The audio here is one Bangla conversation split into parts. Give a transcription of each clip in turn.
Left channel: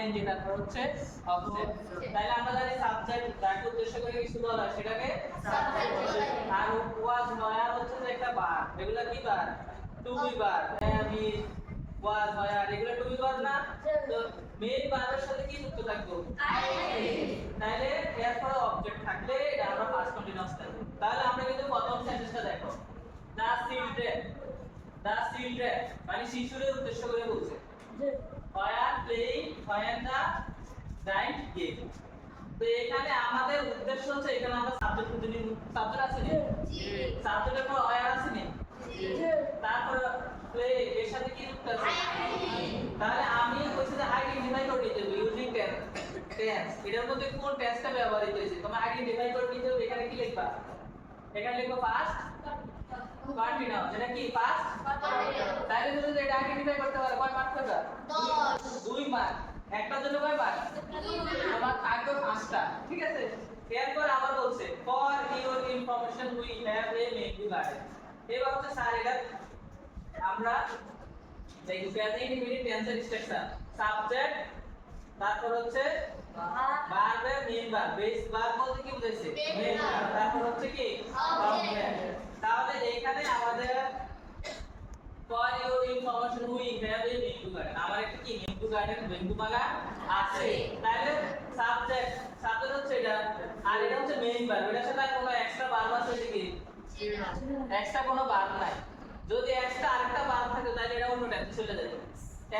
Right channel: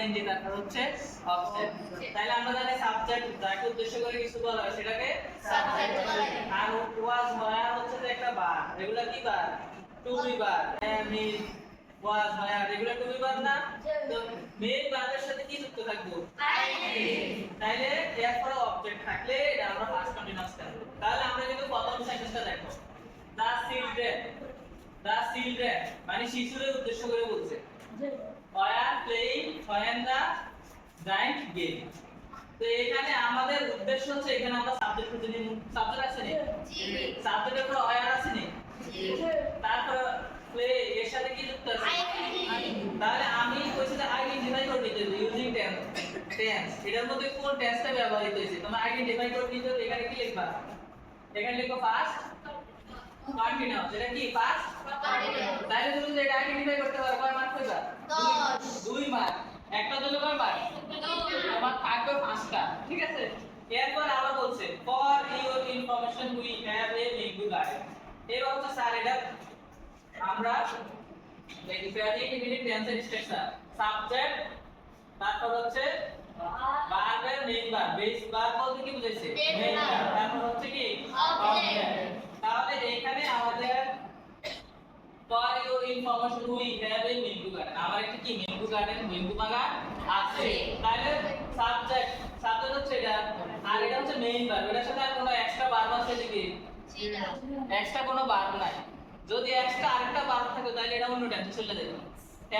আইএনজি তারপর হচ্ছে অবজেক্ট। তাহলে আমরা জানি সাবজেক্ট যাকে উদ্দেশ্য করে কিছু বলা হয় সেটাকে সাবজেক্ট বলা হয়। আর ওয়াজ হয় আর হচ্ছে যে একটা বার, এগুলা কি বার? টু বি বার। আমি ওয়াজ হয় আর এগুলা টু বি বার না? তো মেইন ভার্বের সাথে কি যুক্ত থাকবে? আইএনজি। তাহলে এরপরে অবজেক্ট থাকলে এটা আমরা ফার্স্ট কন্টিনিউয়াস করব। তাহলে আমরা কিন্তু প্রথম সেন্টেন্সটা দেখো, দা চিলড্রেন, দা চিলড্রেন মানে শিশুদের উদ্দেশ্য করে বলছে। War playing when the giant game। তো এখানে আমাদের উদ্দেশ্য হচ্ছে এখানে আমরা সাবজেক্ট খুঁজে নিব। সাবজেক্ট আছে নি? জি। সাবজেক্টের পর ওয়ার আছে নি? জি। তারপর প্লে এর সাথে কি যুক্ত আছে? তাহলে আমি কইছি যে আইডেন্টিফাই করে দিতে হবে ইউজিং টেন্স। এটার মধ্যে কোন টেন্সটা ব্যবহৃত হয়েছে তোমরা আইডেন্টিফাই করে দিতে হবে। এখানে কি লিখবা? এখানে লিখো ফার্স্ট কন্টিনিউয়াস। এটা কি ফার্স্ট কন্টিনিউয়াস। তাহলে তুমি যদি এটা আইডেন্টিফাই করতে পারো কয় মার্ক পাবা? 2 মার্ক। একটা জন্য কয় মার্ক? 2। তোমার থাকবে 5টা, ঠিক আছে? এরপর আবার বলছে for your information we have a menu guide. এবার হচ্ছে স্যার এটা আমরা দেখি প্রেজেন্ট ইনডিফিনিট টেন্সের স্ট্রাকচার। সাবজেক্ট, তারপর হচ্ছে ভার্বের মেইন ভার্ব। বেস ভার্ব বলতে কি বুঝাইছে? Main verb. তারপর হচ্ছে কি অবজেক্ট। তাহলে এখানে আমাদের for your information we have a menu garden. আমার একটা কি মেনু গার্ডেন, মেনু বাগান আছে। তাহলে সাবজেক্ট, সাবজেক্ট হচ্ছে এটা আর এটা হচ্ছে মেইন ভার্ব। এটার সাথে আর কোনো এক্সট্রা ভার্ব আছে কি? জি না, এক্সট্রা কোনো ভার্ব নাই। যদি এক্সট্রা আরেকটা ভার্ব থাকে তাহলে এটা অন্য টেন্সে চলে যাবে।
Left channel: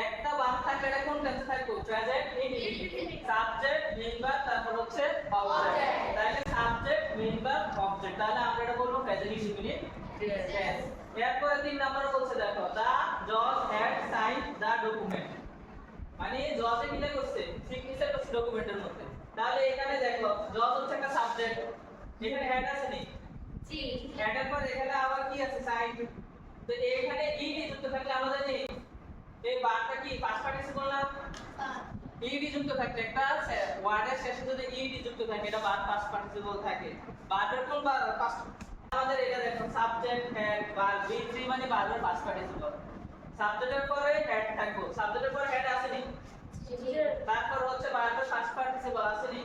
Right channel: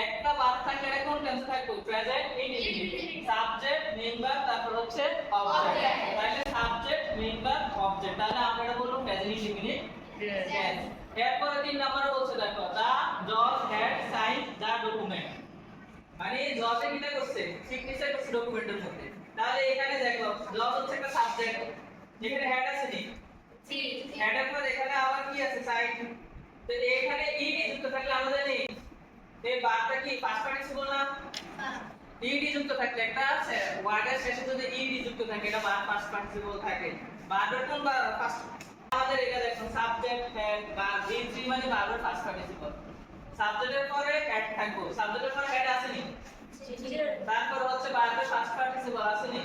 একটা ভার্ব থাকলে এটা কোন টেন্সে থাকবে? Present indefinite. Subject, main verb, তারপর হচ্ছে অবজেক্ট। তাহলে সাবজেক্ট, মেইন ভার্ব, অবজেক্ট। তাহলে আমরা এটা বলবো প্রেজেন্ট ইনডিফিনিট টেন্স। এরপরে 3 নম্বরে বলছে দেখো দা জজ হ্যাড সাইন দা ডকুমেন্ট। মানে জজে কিটা করছে? সিগনেচার করছে ডকুমেন্টের মধ্যে। তাহলে এখানে দেখো জজ হচ্ছে একটা সাবজেক্ট, এখানে হ্যাড আছে নি? জি। হ্যাডের পর এখানে আবার কি আছে? সাইন। তো এখানে ইডি যুক্ত থাকলে আমরা জানি এই বারটা কি পাস্ট পার্টিসিপল না? ইডি যুক্ত থাকলে একটা আছে ওয়ার্ডের শেষে যদি ইডি যুক্ত থাকে এটা বার পাস্ট পার্টিসিপল থাকে। ভার্বের কোন বার ফার্স্ট? আমাদের এটা দেখুন সাবজেক্ট হ্যাড ভার্ব বি3 মানে ভার্বের ফার্স্ট পার্টিসিপল। সাবজেক্টের পরে হ্যাড থাকবে, সাবজেক্টের পরে হ্যাড আছে নি? জি। তারপর হচ্ছে ভার্বের ফার্স্ট পার্টিসিপল আছে নি?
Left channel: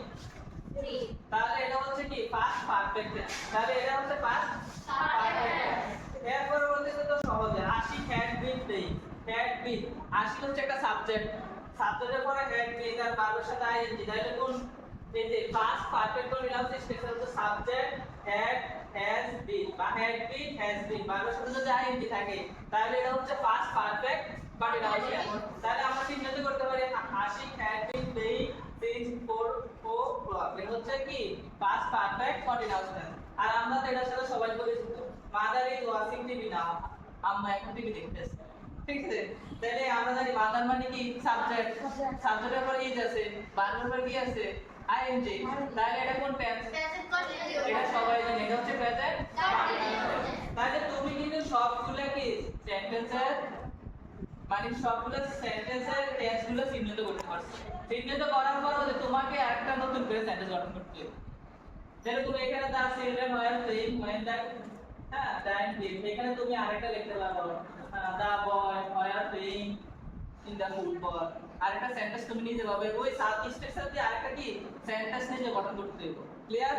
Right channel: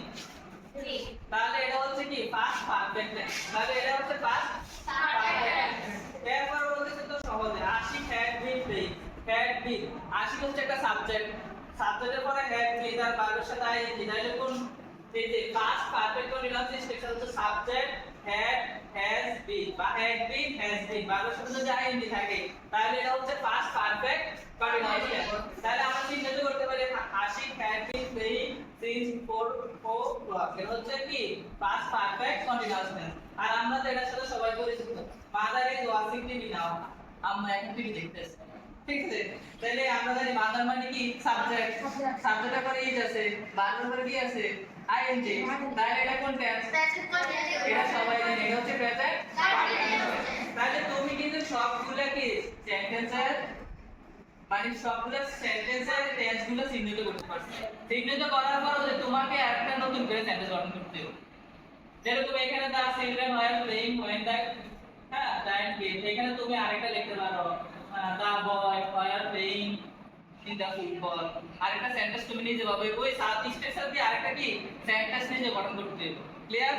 জি। তাহলে এটা হচ্ছে কি পাস্ট পারফেক্ট টেন্স। তাহলে এটা হচ্ছে পাস্ট পারফেক্ট টেন্স। এরপর বলতেছে তো সহজে Ashik had been playing. Had been, Ashik হচ্ছে একটা সাবজেক্ট, সাবজেক্টের পরে হ্যাড বিন আর ভার্বের সাথে আইএনজি। তাহলে কোন এই যে পাস্ট পারফেক্ট কন্টিনিউয়াস স্ট্রাকচার হচ্ছে সাবজেক্ট হ্যাড হ্যাজ বিন বা হ্যাড বিন হ্যাজ বিন। ভার্বের সাথে যদি আইএনজি থাকে তাহলে এটা হচ্ছে পাস্ট পারফেক্ট কন্টিনিউয়াস টেন্স। তাহলে আমরা চিহ্নিত করতে পারি Ashik had been playing since 4 o'clock। এটা হচ্ছে কি পাস্ট পারফেক্ট কন্টিনিউয়াস টেন্স। আর আমরা তো এটার সাথে সবাই পরিচিত, mother is watching TV now. আম্মা এখন টিভি দেখতেছে, ঠিক আছে? তাহলে আমরা জানি মাদার মানে কি সাবজেক্ট, সাবজেক্টের পরে ইজ আছে, ভার্বের পরে কি আছে? আইএনজি। তাহলে এটা কোন টেন্স? Present continuous. এটা সবাই জানে এটা হচ্ছে প্রেজেন্ট কন্টিনিউয়াস। তাহলে তুমি কিন্তু সবগুলা কি সেন্টেন্সের মানে সবগুলো সেন্টেন্সের টেন্সগুলো চিহ্নিত করতে পারছো। চিহ্নিত করার পর যে তোমাকে একটা নতুন করে সেন্টেন্স গঠন করতে হবে। যেরকম এখানে the children were playing when the giant game, এখানে তুমি আরেকটা লিখতে পারো the boy were playing in the football. আরেকটা সেন্টেন্স তুমি নিজে ভাবে ওই সাব স্ট্রাকচার দিয়ে আরেকটা কি সেন্টেন্স নিজে গঠন করতে হবে। ক্লিয়ার?